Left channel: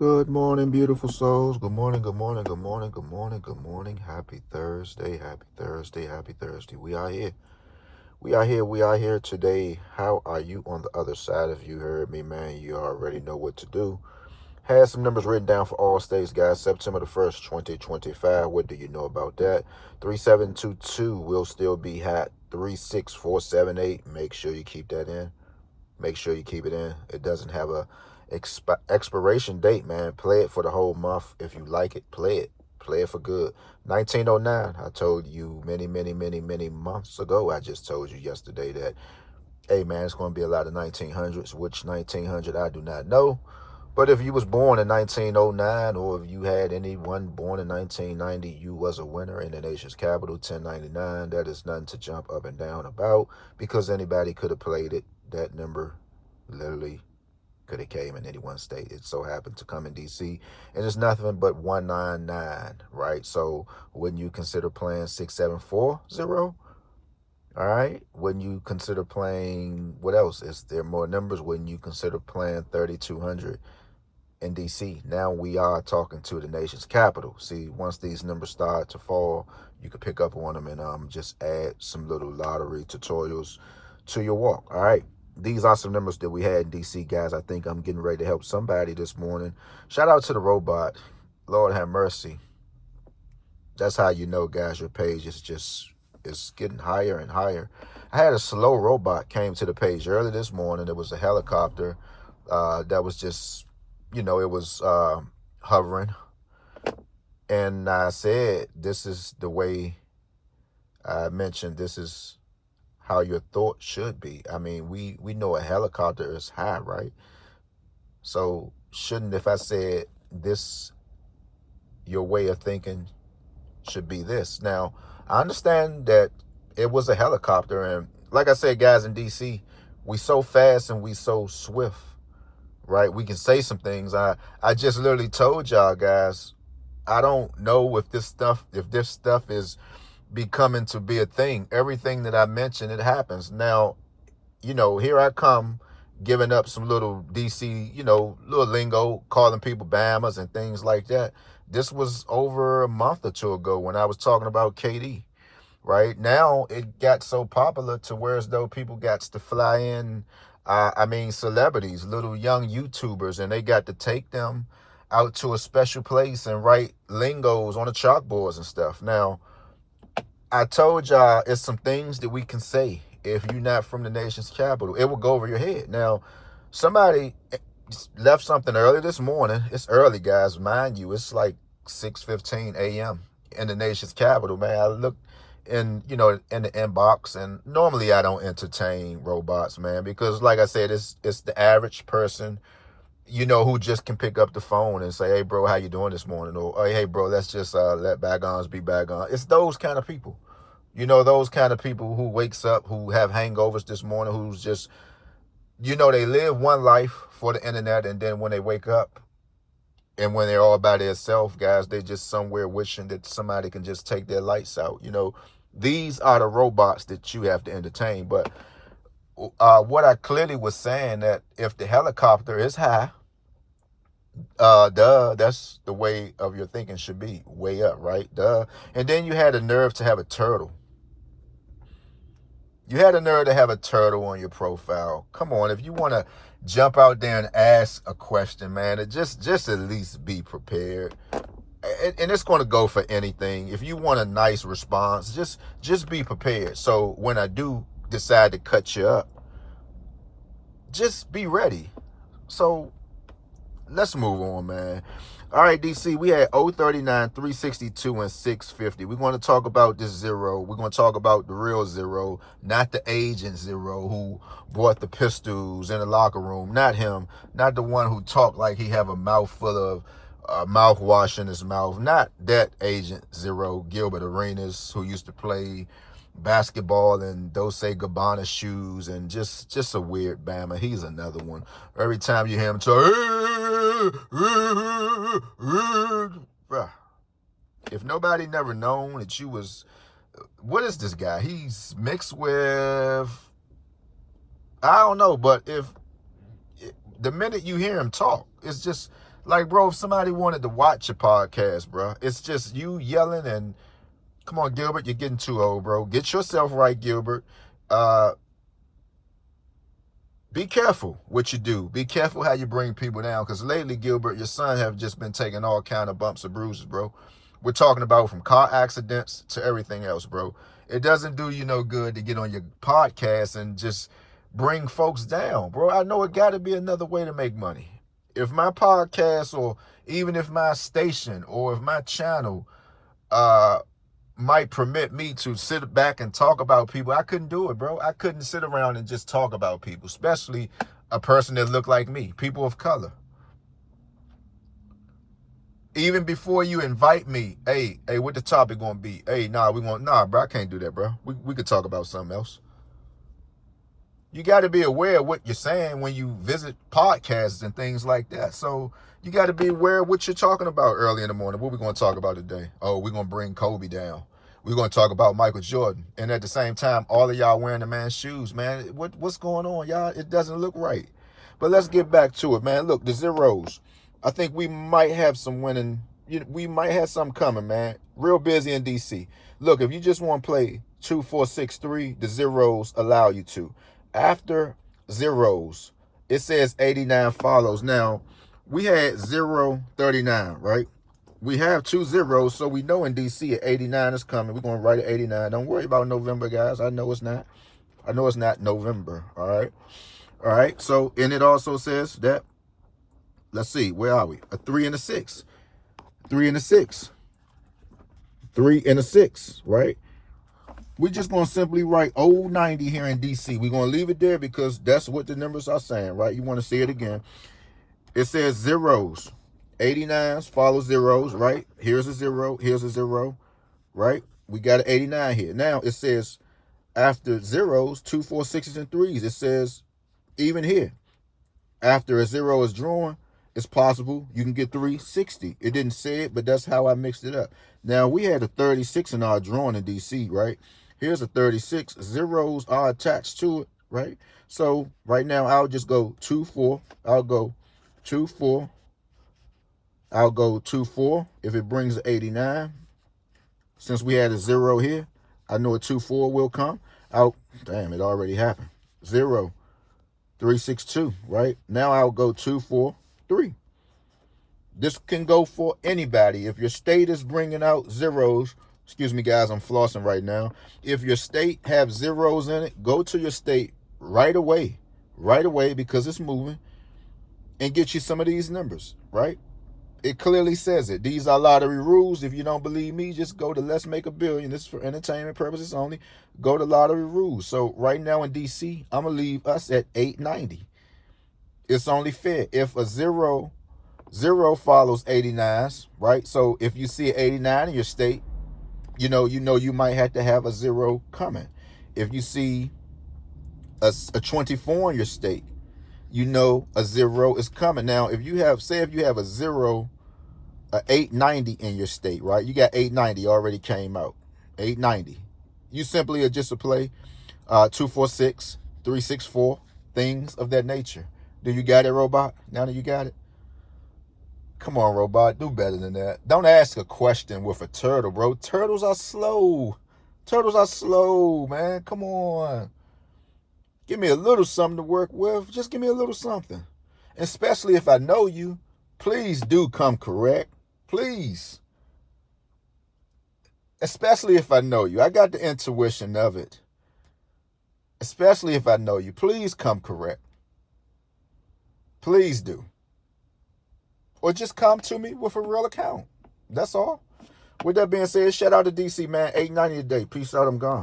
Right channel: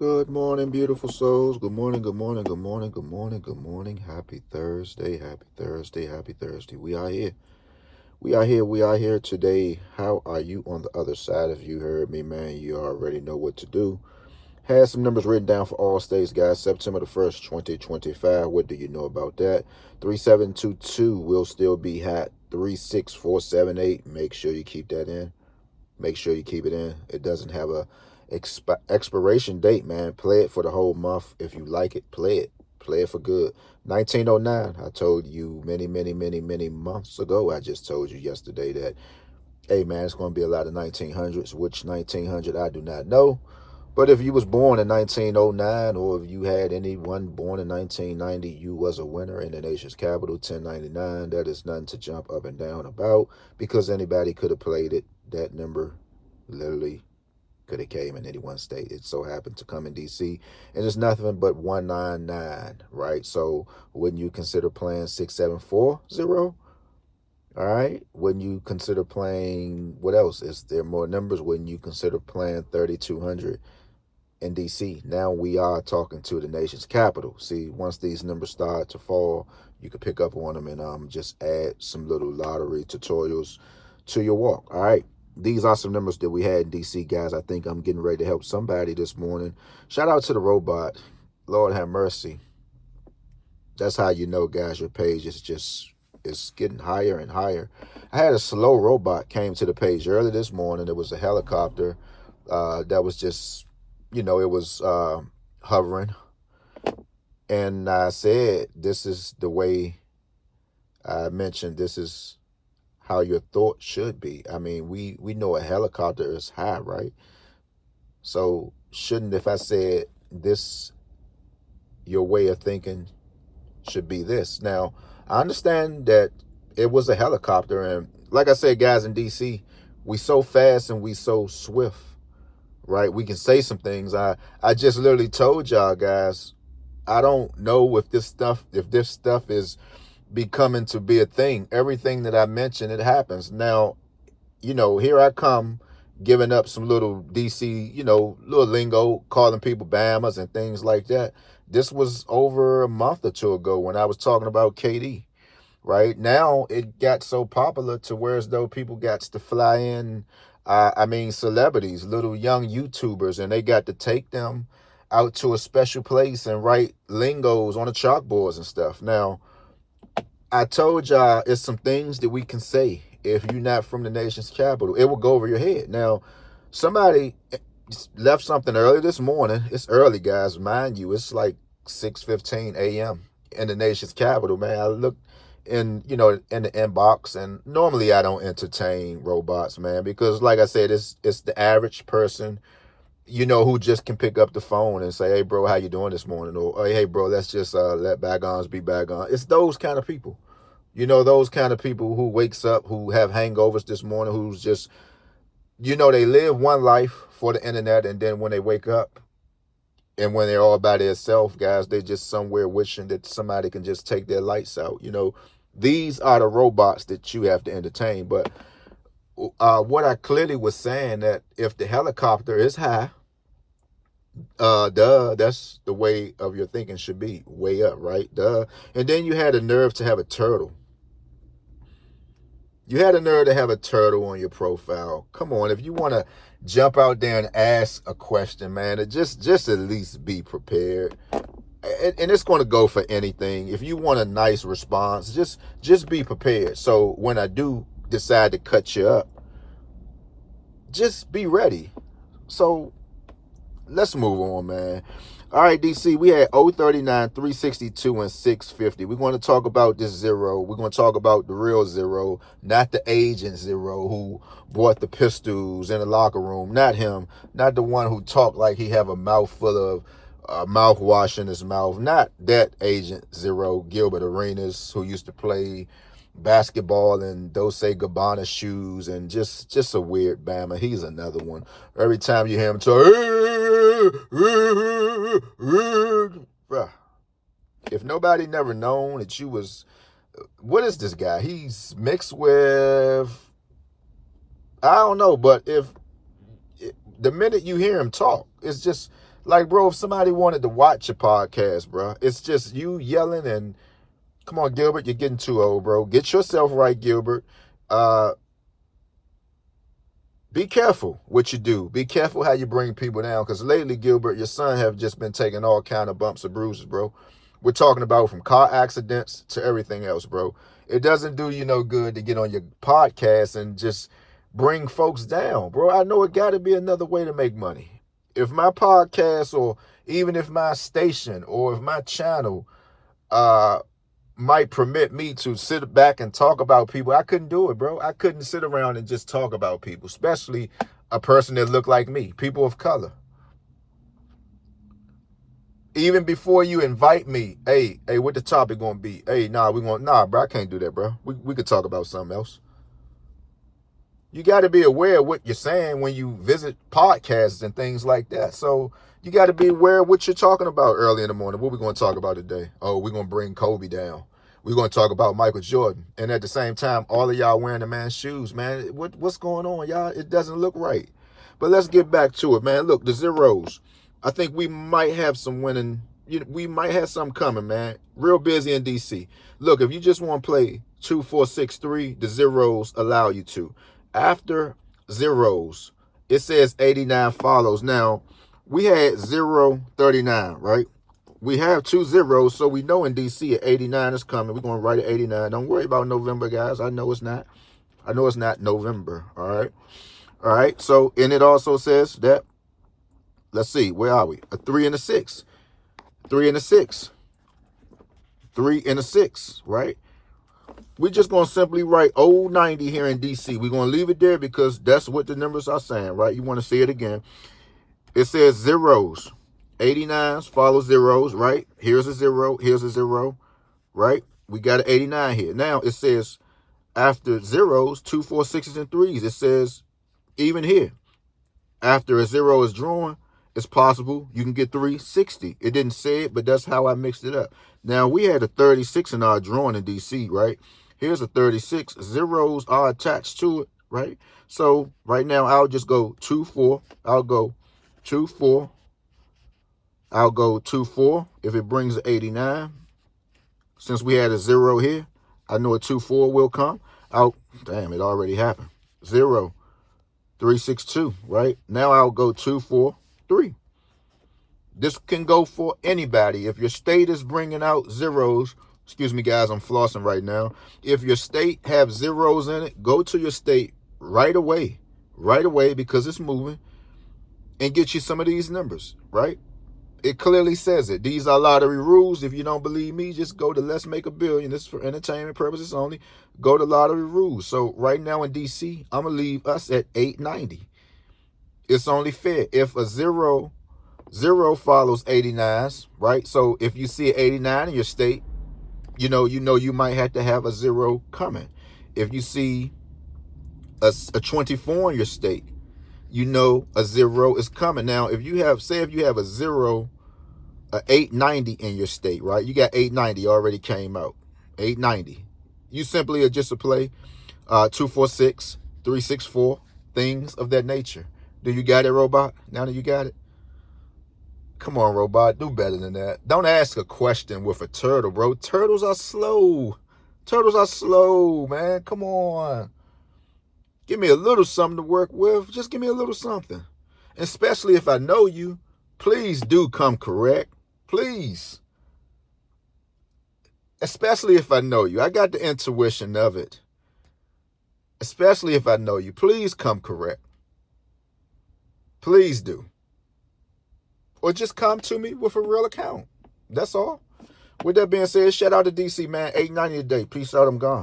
Good morning, beautiful souls. Good morning, good morning, good morning, good morning, good morning. Happy Thursday, happy Thursday, happy Thursday. We are here. We are here today. How are you on the other side? If you heard me, man, you already know what to do. Had some numbers written down for all states, guys. September the 1st, 2025. What do you know about that? 3722 will still be hot. 36478. Make sure you keep that in. Make sure you keep it in. It doesn't have a expiration date, man. Play it for the whole month. If you like it, play it. Play it for good. 1909. I told you many months ago. I just told you yesterday that, hey, man, it's going to be a lot of 1900s. Which 1900 I do not know. But if you was born in 1909, or if you had anyone born in 1990, you was a winner in the nation's capital, 1099. That is nothing to jump up and down about, because anybody could have played it. That number literally could have came in any one state. It so happened to come in DC, and it's nothing but 199, right? So wouldn't you consider playing 6740? All right. Wouldn't you consider playing, what else? Is there more numbers? Wouldn't you consider playing 3200 in DC? Now we are talking to the nation's capital. See, once these numbers start to fall, you can pick up on them and just add some little lottery tutorials to your walk. All right. These are some numbers that we had in DC, guys. I think I'm getting ready to help somebody this morning. Shout out to the robot. Lord have mercy. That's how you know, guys, your page is it's getting higher and higher. I had a slow robot came to the page early this morning. It was a helicopter that was just, it was hovering. And I said, this is the way I mentioned, this is how your thought should be. I mean, we know a helicopter is high, right? So shouldn't, if I said this, your way of thinking should be this. Now, I understand that it was a helicopter, and like I said, guys, in DC, we so fast and we so swift, right? We can say some things. I just literally told y'all, guys, I don't know if this stuff is becoming to be a thing. Everything that I mentioned, it happens. Now, here I come giving up some little DC, little lingo, calling people Bamas and things like that. This was over a month or two ago when I was talking about KD, right? Now it got so popular to where as though people got to fly in, celebrities, little young YouTubers, and they got to take them out to a special place and write lingos on the chalkboards and stuff. Now, I told y'all it's some things that we can say if you're not from the nation's capital. It will go over your head. Now, somebody left something early this morning. It's early, guys. Mind you, it's like 6:15 a.m. in the nation's capital, man. I looked in the inbox, and normally I don't entertain robots, man, because like I said, it's the average person, who just can pick up the phone and say, hey, bro, how you doing this morning? Or, hey, bro, let's just let bygones be bygones. It's those kind of people. Those kind of people who wakes up, who have hangovers this morning, who's just, they live one life for the internet, and then when they wake up and when they're all by themselves, guys, they're just somewhere wishing that somebody can just take their lights out. These are the robots that you have to entertain. But what I clearly was saying, that if the helicopter is high, that's the way of your thinking should be, way up, right? Duh. And then you had a nerve to have a turtle. You had a nerve to have a turtle on your profile. Come on, if you want to jump out there and ask a question, man, just at least be prepared. And it's going to go for anything. If you want a nice response, just be prepared. So when I do decide to cut you up, just be ready. So let's move on, man. All right, DC, we had 039, 362, and 650. We're going to talk about this zero. We're going to talk about the real zero, not the agent zero who bought the pistols in the locker room. Not him. Not the one who talked like he have a mouth full of mouthwash in his mouth. Not that agent zero, Gilbert Arenas, who used to play basketball in Dolce Gabbana shoes, and just a weird Bama. He's another one. Every time you hear him talk, bruh, if nobody never known that you was, what is this guy? He's mixed with, I don't know, but if the minute you hear him talk, it's just Like, bro, if somebody wanted to watch your podcast, bro, it's just you yelling and, come on, Gilbert, you're getting too old, bro. Get yourself right, Gilbert. Be careful what you do. Be careful how you bring people down. Because lately, Gilbert, your son have just been taking all kind of bumps and bruises, bro. We're talking about from car accidents to everything else, bro. It doesn't do you no good to get on your podcast and just bring folks down, bro. I know it got to be another way to make money. If my podcast, or even if my station, or if my channel might permit me to sit back and talk about people, I couldn't do it, bro. I couldn't sit around and just talk about people, especially a person that looked like me, people of color. Even before you invite me, hey, what the topic gonna be? Hey, nah, bro, I can't do that, bro. We could talk about something else. You got to be aware of what you're saying when you visit podcasts and things like that. So you got to be aware of what you're talking about early in the morning. What we going to talk about today? Oh, we're going to bring Kobe down. We're going to talk about Michael Jordan. And at the same time, all of y'all wearing the man's shoes, man. What's going on, y'all? It doesn't look right. But let's get back to it, man. Look, the zeros. I think we might have some winning. We might have something coming, man. Real busy in DC. Look, if you just want to play 2, 4, 6, 3, the zeros allow you to. After zeros, it says 89 follows. Now, we had 039, right? We have 2 zeros, so we know in DC 89 is coming. We're going to write it 89. Don't worry about November, guys. I know it's not. I know it's not November, all right? All right, so, and it also says that, let's see, where are we? A 3 and a 6. 3 and a 6. 3 and a 6, right? We're just going to simply write old 90 here in DC. We're going to leave it there because that's what the numbers are saying, right? You want to see it again. It says zeros. 89s follow zeros, right? Here's a 0. Here's a 0, right? We got an 89 here. Now, it says after zeros, 2, 4, 6s, and 3s. It says even here, after a 0 is drawn, it's possible you can get 360. It didn't say it, but that's how I mixed it up. Now, we had a 36 in our drawing in DC, right? Here's a 36. Zeros are attached to it, right? So right now, I'll just go 2, 4. I'll go 2, 4. I'll go 2, 4. If it brings 89, since we had a 0 here, I know a 2, 4 will come. Damn, it already happened. 0, 3, 6, 2, right? Now I'll go 2, 4, 3. This can go for anybody. If your state is bringing out zeros, excuse me, guys, I'm flossing right now. If your state have zeros in it, go to your state right away, because it's moving, and get you some of these numbers, right? It clearly says it. These are lottery rules. If you don't believe me, just go to Let's Make a Billion. This is for entertainment purposes only. Go to lottery rules. So right now in DC, I'm going to leave us at 890. It's only fair. If a 0 follows 89s, right? So if you see an 89 in your state, you know you might have to have a 0 coming. If you see a 24 in your state, you know a 0 is coming. Now, if you have a 890 in your state, right? You got 890 already came out. 890. You simply are just a play 246, 364, things of that nature. Do you got it, Robot? Now that you got it? Come on, Robot. Do better than that. Don't ask a question with a turtle, bro. Turtles are slow. Turtles are slow, man. Come on. Give me a little something to work with. Just give me a little something. Especially if I know you, please do come correct. Please. Especially if I know you. I got the intuition of it. Especially if I know you. Please come correct. Please do. Or just come to me with a real account. That's all. With that being said, shout out to DC, man. 890 a day. Peace out. I'm gone.